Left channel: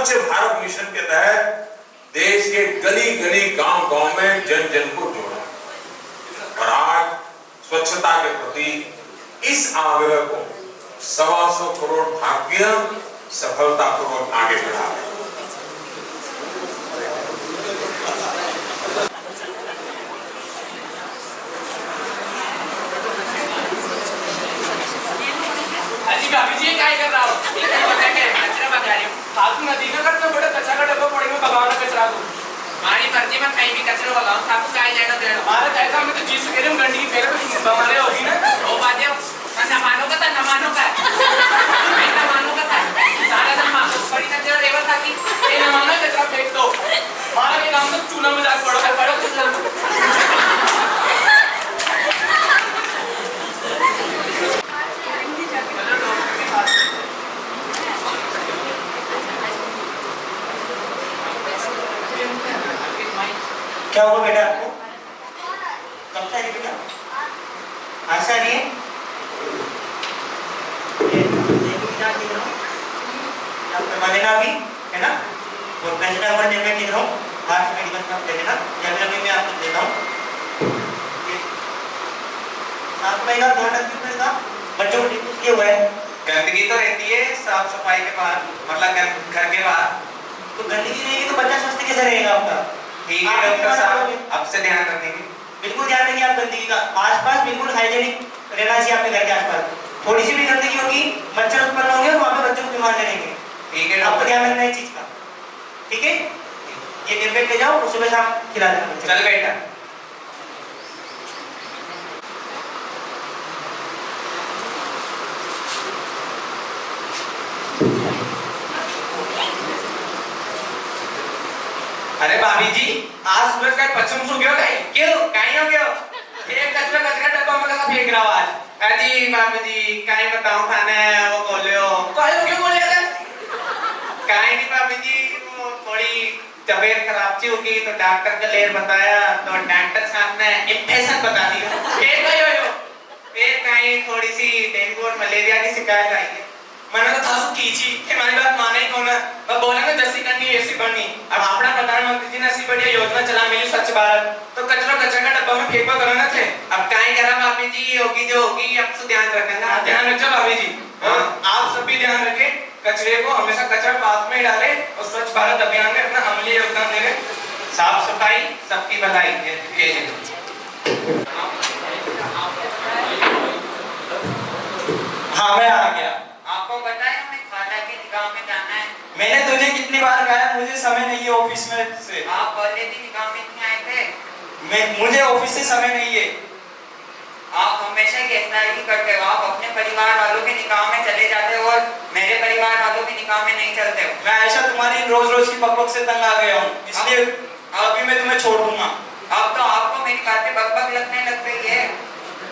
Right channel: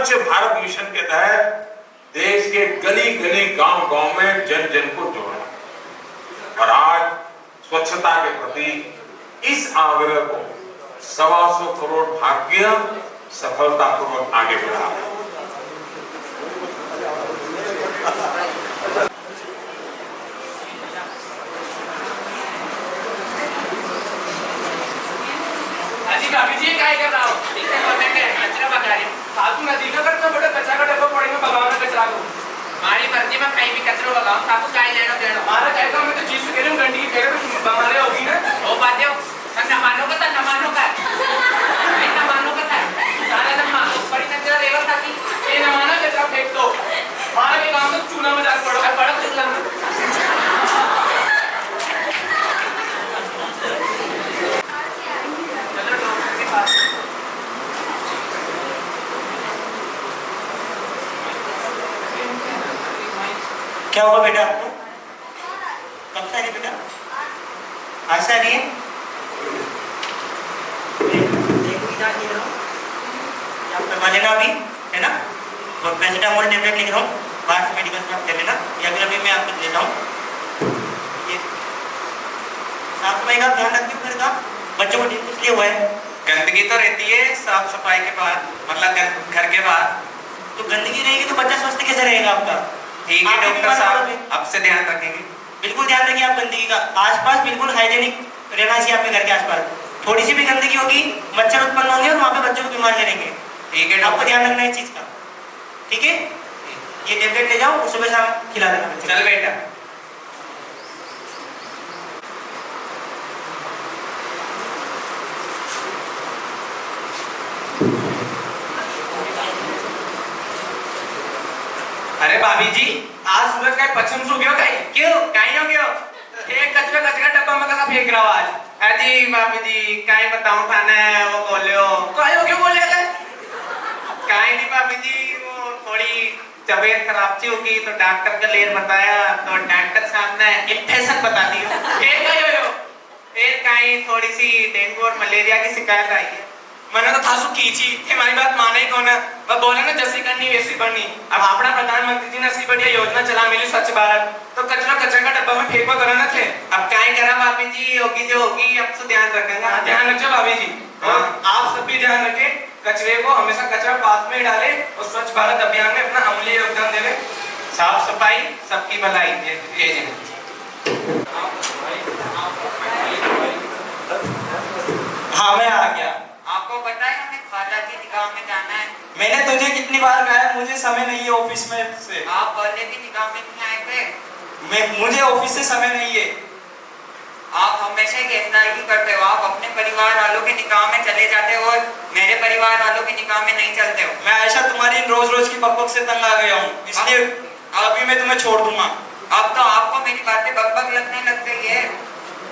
स्वच्छ भारत मिशन के तहत देश के गली गली गांव गांव में जन जन को जोड़ा और आज स्वच्छता के प्रति इस आग्रह को 125 करोड़ भारतीय सफलतापूर्वक आगे बढ़ा रहे हैं। भाभी जी काय कर रहा हो? कचरा बगा रही हूँ। फालतू नदी का करते बड़ा कचरा का डब्बा पड़ेगा भगवान का कचरा को। मारी मर्जी में कहीं भी कचरा भगाओ आपको काय लेना देना। हमारा काय काम है तो जीसु के लिए गंदगी फेंके तो बीमारी होगी ना। वो बात है न मानो का था न मानो का। नहीं न मानो का था। सारा दिन मानो बड़ी कचरा लेवर था कि ये न मानो कचरा फेंक दो। हमारा ये काम तो चूल्हा में जाकर पड़ो पड़ो चूल्हा में। क्या हुआ बेटा आपको? कब से आ रही बेटा? आज से आ रही है? आप करवा देना अभी, है ना? और पैरासिटामोल टेबलेट लिख रहा हूँ, बाहर से मेडिकल से आप ले लेना, या फिर अभी मैं आपको देता हूँ। 7 महीना ध्यान रखिए का बच्चों को ठीक किए हुआ है। गंदगी तो रहती है साफ सफाई के बाद, मतलब घर के बाद। तो गंदगी रहेगी तो बच्चा स्वस्थ कैसे रहेगा आपका? ठीक है डॉक्टर साहब, अब से ध्यान रखेंगे। बिल्कुल ध्यान रखिए आप गंदगी का। आसपास बिल्कुल हाइजेनिक रहना चाहिए आपके घर के आसपास। थोड़ी सी भी गंदगी होगी मच्छर उत्पन्न होंगे और वहाँ पे बच्चों को बीमार करेंगे। ठीक है, आपको ध्यान रखना है चीज का। ठीक है, ये टेबलेट ले जाओ, सुबह शाम खिला देना। चल बेटा। अरे भाभी जी, आज सूरज का पश्चिम सो गया कहीं? क्यों कहीं हो गया? एक कचरा कचरा डब्बा में कहाँ फेंक रहा आज? अजी भाभी जी कहीं बताऊं खाना है वो बोले हो क्यों बोले अगर कहीं नहीं भाभी जी, वो थोड़ी तबीयत खराब सी होगी तो डॉक्टर का लेर बताया तो डॉक्टर साहब ने इन्फेक्शन बता दिया। फिर कहीं थोड़ी सी डेंगू और मलेरिया की शिकायत आई है। मैंने तो था सु कीची हमारी बात माने कौन है? वह बोला ना जैसी करनी वैसी बढ़नी। अब अपना प्रधानमंत्री जी ने ऐसी बढ़िया योजना चला मिली स्वच्छ भारत, तो कचरा कचरा का डब्बा में फेंको करना थे। अब क्या करा भाभी जी, होगी जो होगी, अब तो ध्यान रखेंगे। ध्यान रखो भाभी जी, आप सब भी ध्यान रखें, कचरे को हमेशा कचरा पास में ही डाले और स्वच्छ भारत अभियान में अपना अमूल्य योगदान दे। साफ सफाई सबकी भलाई। हाँ मैं आ गया। आपको पता है हमें खाला की निगाह में जाना है। मैंने तुझे कितनी बार कहा मुझे समय नहीं है ऑफिस में से। आप पहले भी निगाह में नहीं आए थे। मुझे ऑफिस से समय नहीं है। आप हमेशा गैरदारी करते हो। आप अपने परिवार वालों के निकाह में चले जाते हो और मेरे परिवार वालों के निकाह में नहीं चलते हो। मैं आयशा तुम्हारी रोज रोज की बकबक से तंग आ गया हूँ, इसलिए अभी मैं तुम्हें छोड़ दूंगा। अब तो आपको मेरी बातें बकबक लगने लग गई है।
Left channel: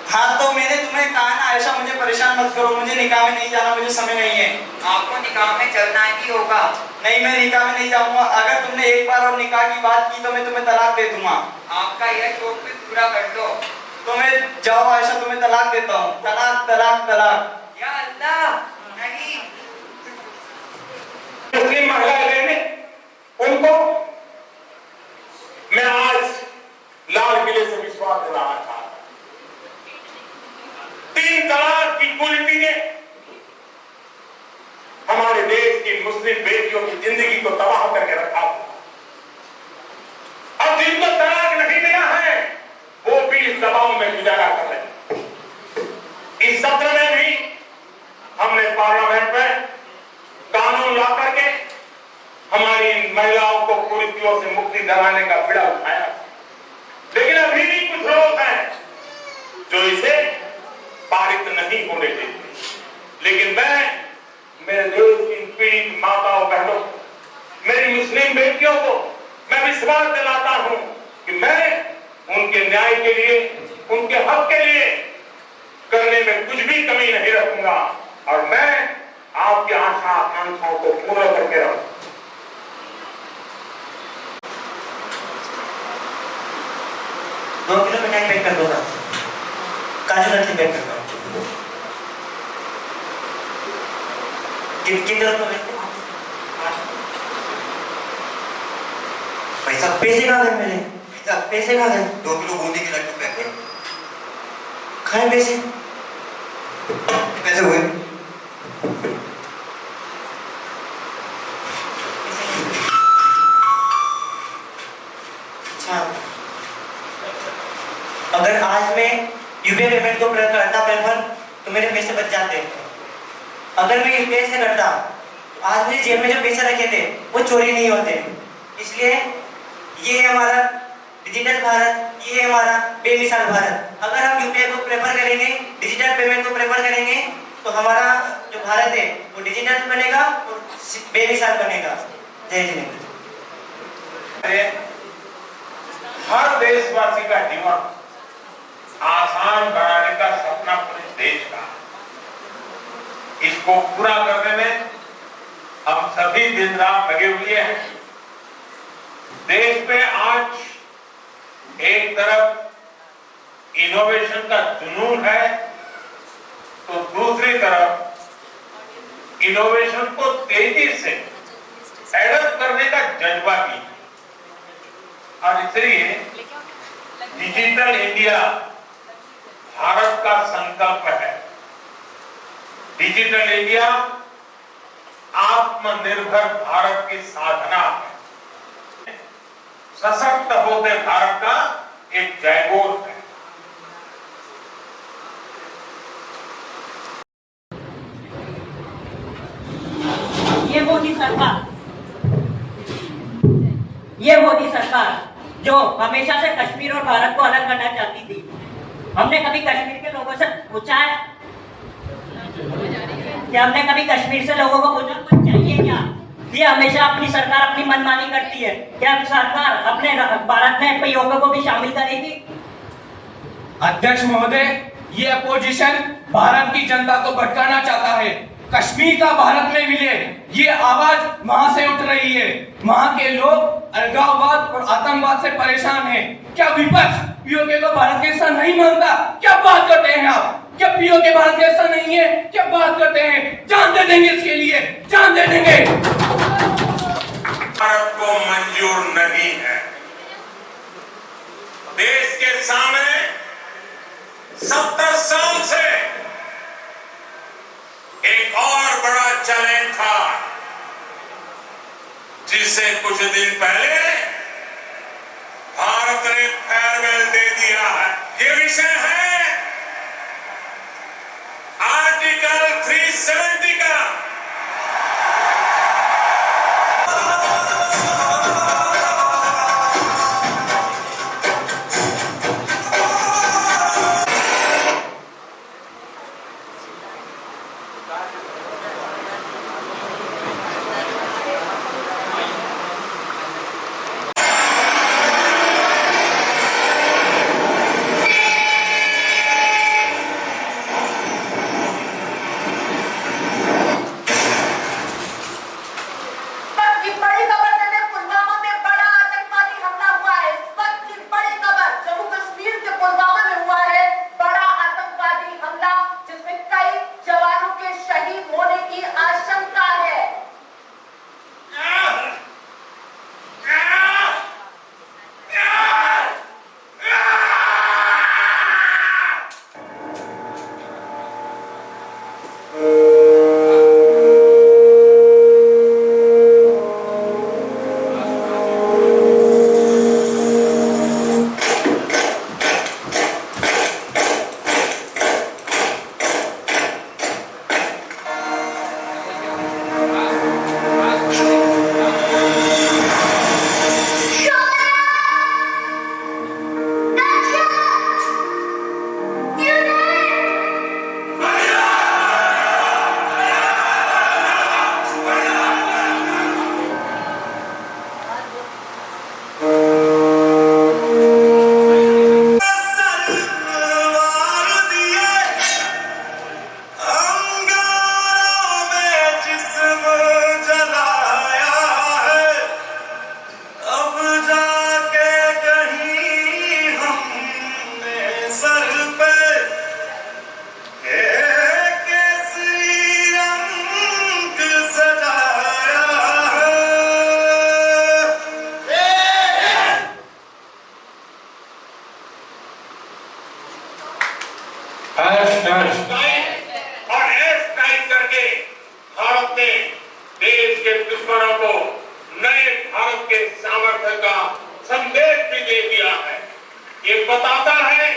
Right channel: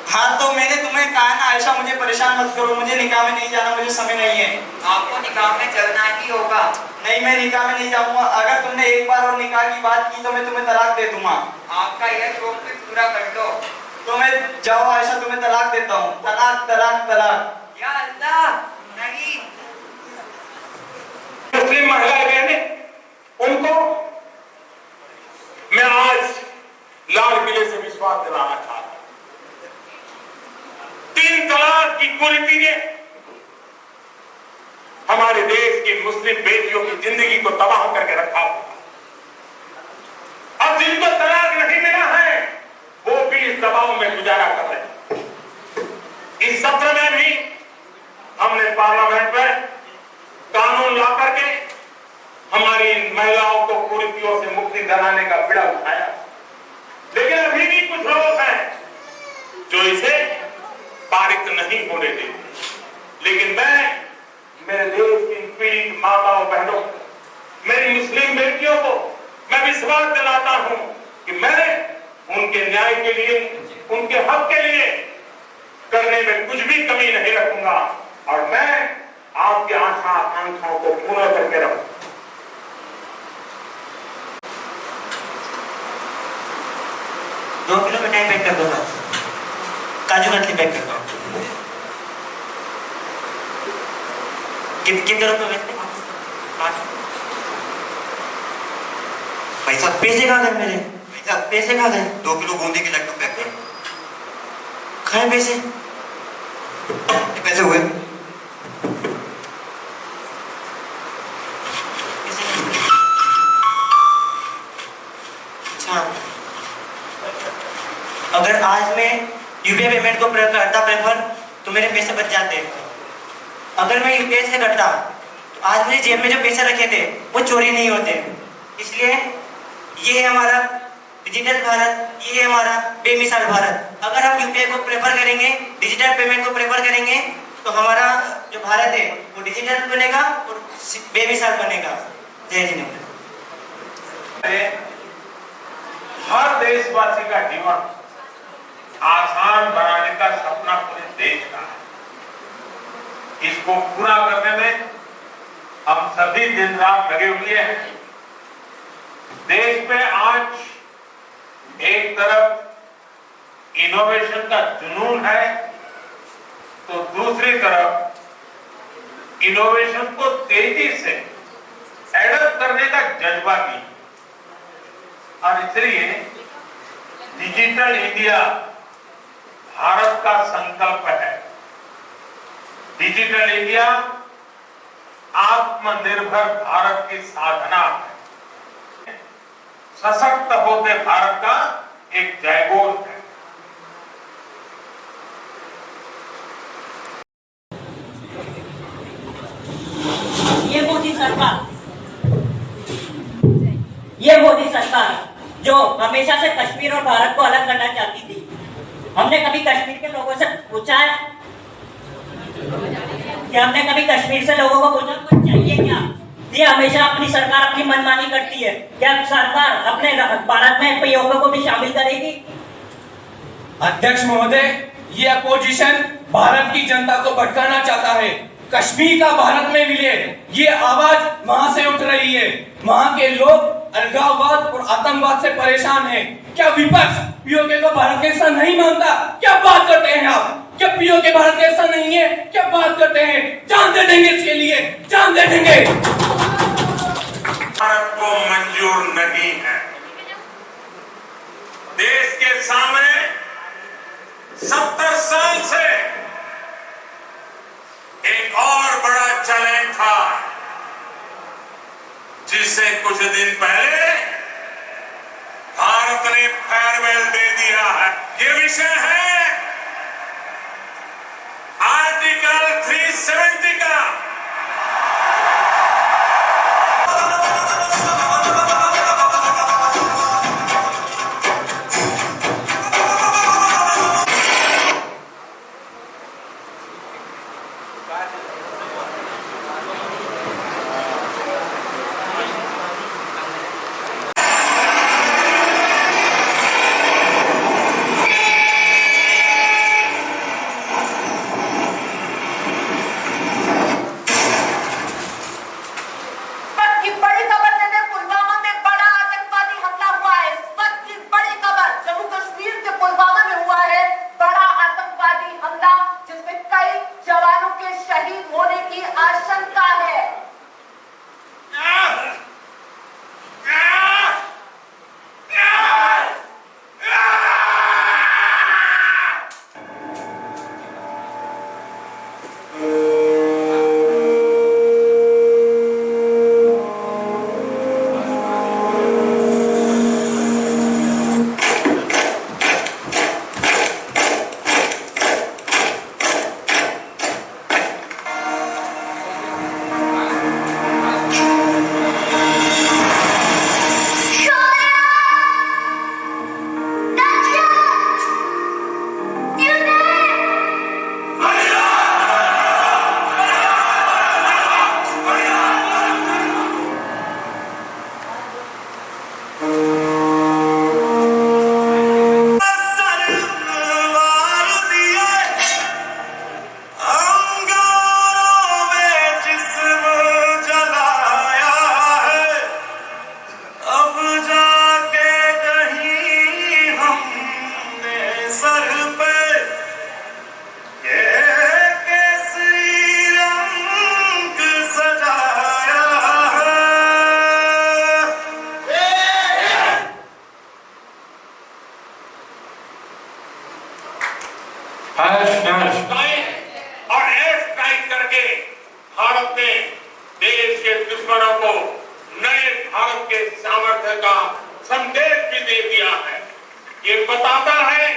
हाँ तो मैंने तुम्हें कहा ना आयशा मुझे परेशान मत करो, मुझे निकाह में नहीं जाना, मुझे समय नहीं है। आपको निकाह में चलना ही होगा। नहीं मैं निकाह में नहीं जाऊंगा। अगर तुमने एक बार और निकाह की बात की तो मैं तुम्हें तलाक दे दूंगा। आपका यह शौक भी पूरा कर दो। तो मैं जाओ आयशा, तुम्हें तलाक देता हूँ। तलाक तलाक तलाक। या अल्लाह नहीं। मुस्लिम महिलाएं बहने उनको मैं आज लाल किले से विश्वास दिलाना चाहता हूं। 3 तलाक की कुरीति ने हमारे देश की मुस्लिम बेटियों की जिंदगी को तबाह करके रखा हुआ। अब जिनको तलाक नहीं मिला है वो भी इस दबाव में गुजारा कर रहे हैं। इस सत्र में भी हमने पार्लियामेंट में कानून ला करके हमारी महिलाओं को कुरीतियों से मुक्ति दिलाने का बीड़ा उठाया, लेकिन अभी भी कुछ लोग हैं जो इसे पारित नहीं होने देते। लेकिन मैं मेरे देश की पीड़ित माताओं बहनों, मेरी मुस्लिम बेटियों को मैं विश्वास दिलाता हूं कि मैं उनके न्याय के लिए, उनके हक के लिए करने में कुछ भी कमी नहीं रखूंगा और मैं आपके आशा आकांक्षाओं को पूरा करके रहूंगा। 2 किलो मिठाई पैक कर दो ना, काजू कतली पैक कर दो। कितने रुपए मिलते? भाई साहब पैसे कहाँ गए मेरे? भाई साहब पैसे कहाँ गए? 2 किलो बूंदी के लड्डू पैक है। खाए पैसे? ये पैसे हुए। अच्छा, अगर आज मैं यूपीआई पेमेंट को करता प्रेफर तो मेरे पैसे बच जाते। अगर मैं यूपीआई से करता तो आज मेरी जेब में जो पैसे रखे थे वो चोरी नहीं होते। इसलिए ये है हमारा डिजिटल भारत, ये है हमारा बेमिसाल भारत। अगर हम यूपीआई को प्रेफर करेंगे, डिजिटल पेमेंट को प्रेफर करेंगे तो हमारा जो भारत है वो डिजिटल बनेगा और बेमिसाल बनेगा। जय हिंद। हर देशवासी का जीवन आसान बनाने का सपना पूरे देश का है। इसको पूरा करने में हम सभी दिन रात लगे हुए हैं। देश में आज एक तरफ इनोवेशन का जुनून है तो दूसरी तरफ इनोवेशन को तेजी से एडप्ट करने का जज्बा भी। और इसलिए डिजिटल इंडिया भारत का संकल्प है। डिजिटल इंडिया आत्मनिर्भर भारत की साधना है। सशक्त होते भारत का एक जयघोष है। ये मोदी सरकार जो हमेशा से कश्मीर और भारत को अलग करना चाहती थी। हमने कभी कश्मीर के लोगों से पूछा है कि हमने कभी कश्मीर से लोगों को पूछा कुछ चाहिए क्या? ये हमेशा अपनी सरकार अपनी मनमानी करती है। क्या सरकार अपने भारत में पीओके को भी शामिल करेगी? अध्यक्ष महोदय, ये अपोजिशन भारत की जनता को भटकाना चाहता है। कश्मीर का भारत में मिले, ये आवाज वहां से उठ रही है। वहां के लोग अलगाववाद और आतंकवाद से परेशान हैं। क्या विपक्ष पीओके को भारत का हिस्सा नहीं मानता? क्या बात करते हैं आप? क्या पीओके भारत का हिस्सा नहीं है? क्या बात करते हैं? जान दे देंगे इसके लिए, जान दे देंगे। भारत को मंजूर नहीं है। देश के सामने 70 साल से एक और बड़ा चैलेंज था जिसे कुछ दिन पहले भारत ने फेयरवेल दे दिया है। ये विषय है आर्टिकल 370 का। बताता है